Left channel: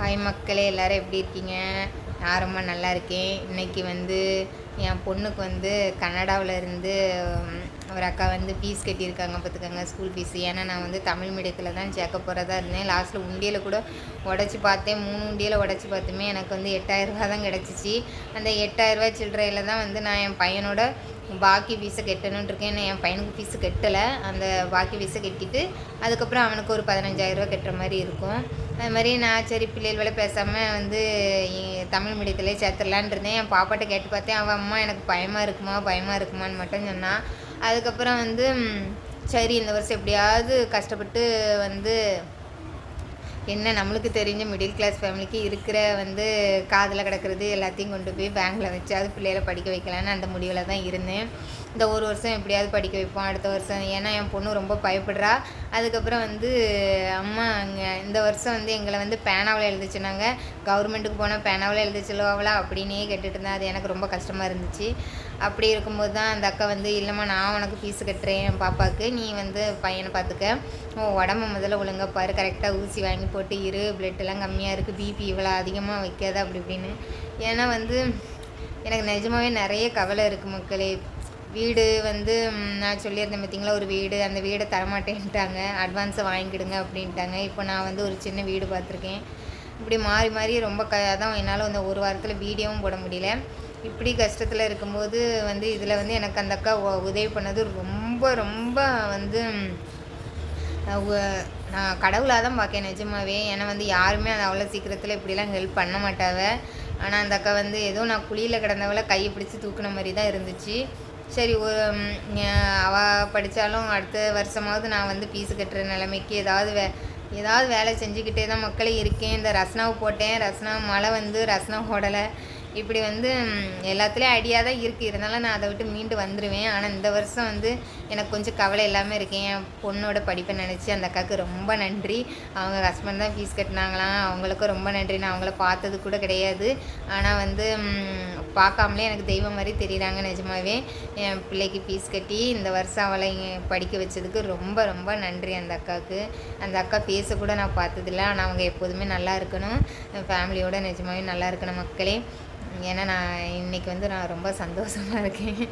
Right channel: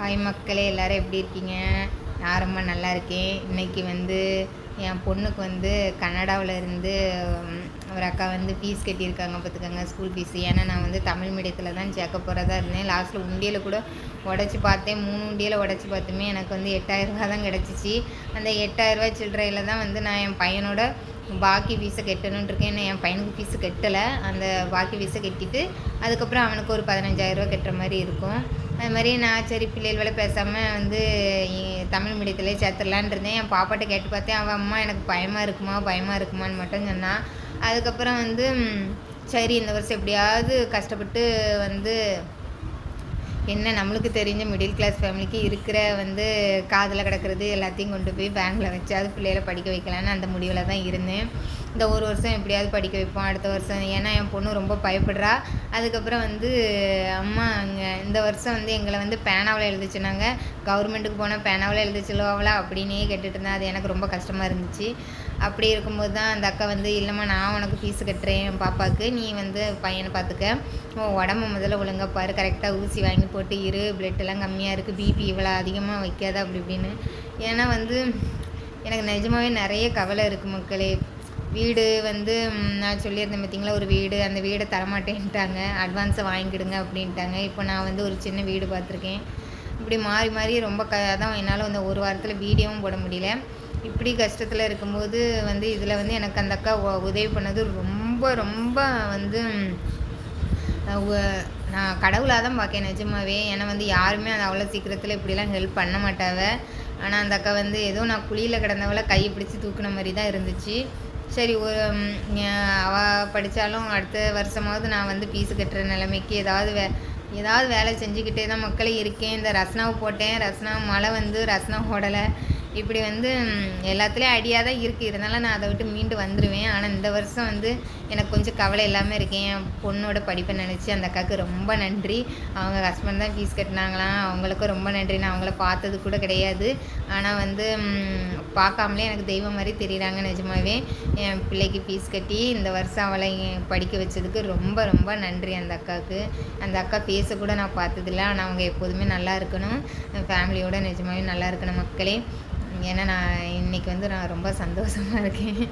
Hi மக்களே, எல்லோரும் எப்படி இருக்கீங்க? நான் ரொம்ப நல்லா இருக்கேன். இன்றைக்கி என் பொண்ணுக்கு கனடாவில் இருந்து ஒரு அக்கா ஃபீஸ் கட்டியிருக்காங்க பார்த்துக்கோங்க, ஸ்கூல் ஃபீஸு. ஏன்னா நான் தமிழ் மீடியத்தில் தான் சேர்க்க போகிறதா இருந்தேன். லாஸ்ட்டில் உண்டியலை கூட உடச்சி பார்த்தேன். 3 உண்டியலை உடச்சி பார்த்துமே எனக்கு 8,000 தான் கிடச்சிச்சு. அந்த 8,000 சில்லறையில் தான் நான் என் பையனோட பாக்கி ஃபீஸை கட்டணுன்னு இருக்கேன். ஏன்னா என் பையனுக்கு ஃபீஸு கட்டலை. அந்த பாக்கி ஃபீஸை கட்டிட்டு அதுக்கப்புறம் அவனுக்கு ஒரு 15,000 கட்டுற மாதிரி இருக்கும். அது மாதிரி நான் சரி பிள்ளைகளோட பேசாமல் தமிழ் மீடியத்திலே சேர்த்துடலான் இருந்தேன். என் பாப்பாட்ட கேட்டு பார்த்தேன். அவள் அம்மா எனக்கு பயமாக இருக்குமான்னு மட்டும் சொன்னான். அதுக்கப்புறம் சரி இந்த வருஷம் எப்படியாவது கஷ்டப்பட்டு என்ன நம்மளுக்கு தெரிஞ்ச மிடில் கிளாஸ் ஃபேமிலிக்கு இருக்கிற காதில் கிடக்கிறது எல்லாத்தையும் கொண்டு போய் பேங்கில் வச்சு அது பிள்ளைகளை படிக்க வைக்கலான்னு அந்த முடிவில் தான் இருந்தேன். இந்த ஒரு வருஷம் எப்படியாவது படிக்க வைப்போம் அடுத்த வருஷம். ஏன்னா என் பொண்ணு ரொம்ப பயப்படுறா. அதுக்கப்புறம் அம்மா இந்த வருஷம் எங்களை பேனாவில் எழுதிச்சுனாங்க. கவர்மெண்ட்டுக்கு போனால் பேனாவில் எழுதி சொல்லுவாங்களா அப்படின்னே கேட்டுட்டு இருந்தேன். அது எனக்கு ரொம்ப கஷ்டமாக இருந்துச்சு. அப்படி இருக்கும்போது தான் அந்த அக்கா இல்லைம்மா நான் உனக்கு ஃபீஸு கட்டுறேன் என் பாப்பாவுக்கு, நீ பையனை பார்த்துக்க, உடம்பு முதல்ல ஒழுங்காக பாரு, கரெக்டாக ஊசி வாங்கி போட்டு இரு, பிளட்டெல்லாம் கம்மியாக இருக்குது, பிபி இவ்வளோ அதிகமாக வைக்காத அப்படி இப்படின்னு. ஏன்னா எனக்கு நிஜமாகவே நிறைய கவலை இருக்குது மக்களே. வீடு நான் சொல்லியிருந்தேன் பார்த்தீங்களா, ஒரு வீடு, அந்த வீடை தரமாட்டேன்ட்டாங்க, அட்வான்ஸை வாங்கிக்கிடுங்க அப்படின்ட்டாங்க. இப்போ நான் ஒரு சின்ன வீடு பார்த்துருக்கேன். இப்படி மாறி மாறி ரொம்ப அதான் என்னால் ஒரு வாரத்தில் வீடியோவும் போட முடியல. இப்படி கஷ்டத்தில் இருக்கும்போது இதில் எனக்கு அந்த அக்கா உதவி பண்ணது ரொம்ப ரொம்ப நான் கடவுளாக தான் பார்க்கேன் நிஜமாவே. ஏன்னா யாருமே அது அவ்வளோ சீக்கிரத்தில் இப்படிலாம் ஹெல்ப் பண்ண மாட்டாவ. ஆனால் அந்த அக்கா ஏதோ நான் குழியில் கிடந்தவளை கையை பிடிச்சி தூக்குன மாதிரி தான் இருந்துச்சு. சரி அவள் படித்தாலும் அடுத்த வருஷமாவது நான் ஃபீஸு கட்டுற நிலைமைக்கு ஏதாவது வேலை செஞ்சுக்கிட்டே தான் மக்களே இருக்கேன். இந்த ரஸ்னாவை போட்டேன், ரஸ்னா மழை ரஸ்னா ஓடலை. இப்படி எல்லாத்துலேயும் ஐடியா தான் இருக்குது. இருந்தாலும் நான் அதை விட்டு மீண்டு வந்துடுவேன். ஆனால் இந்த வருஷம் எனக்கு கொஞ்சம் கவலை இல்லாமல் இருக்கேன். என் பொண்ணோட படிப்பை நினச்சி அந்த அக்காவுக்கு ரொம்ப நன்றி. அவங்க ஹஸ்பண்ட் தான் ஃபீஸ் கட்டினாங்களாம், அவங்களுக்கும் ரொம்ப நன்றி. நான் அவங்கள பார்த்தது கூட கிடையாது. ஆனால் பார்க்காமலே எனக்கு தெய்வம் மாதிரி தெரியுறாங்க நிஜமாவே. என் பிள்ளைக்கு ஃபீஸ் கட்டி இந்த வருஷம் அவளை படிக்க வச்சதுக்கு ரொம்ப ரொம்ப நன்றி அந்த அக்காவுக்கு. அந்த அக்கா ஃபேஸை கூட நான் பார்த்ததில்ல. ஆனால் அவங்க எப்போதுமே நல்லா இருக்கணும், ஃபேமிலியோடு நிஜமாவே நல்லா இருக்கணும் மக்களே. ஏன்னா நான் இன்றைக்கி நான் ரொம்ப சந்தோஷமாக இருக்கேன்.